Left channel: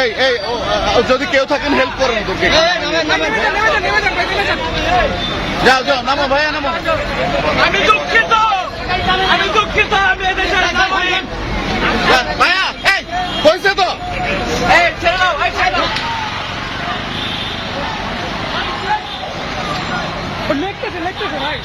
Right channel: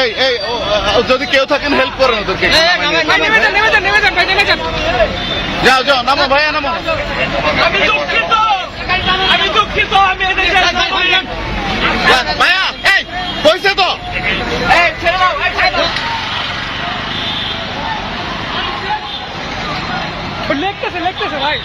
এই এই যদি কেউ থাকেন হেল্প করেন ওদেরকে। যাও যাও, নামো ভাইয়া, নামো। আমি দুঃখিত, আমি দুঃখিত, আমি ভাইয়া এই হয়েছে তো, ছেড়ে দাও, লেখতেছে লেখতেছে ভাই।